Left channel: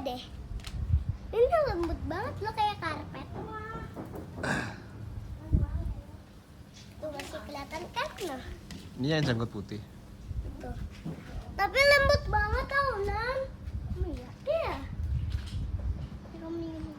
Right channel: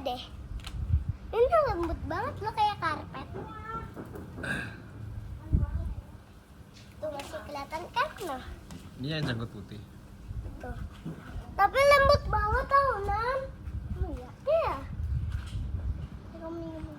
Deh, ini lembut banget loh, kayak karpet. Tuh masih kelihatan kan? Nah, Ini yang janggut putih. tuh. Tapi lembut banget tau, Nan. Iya, iya. Kamu minum.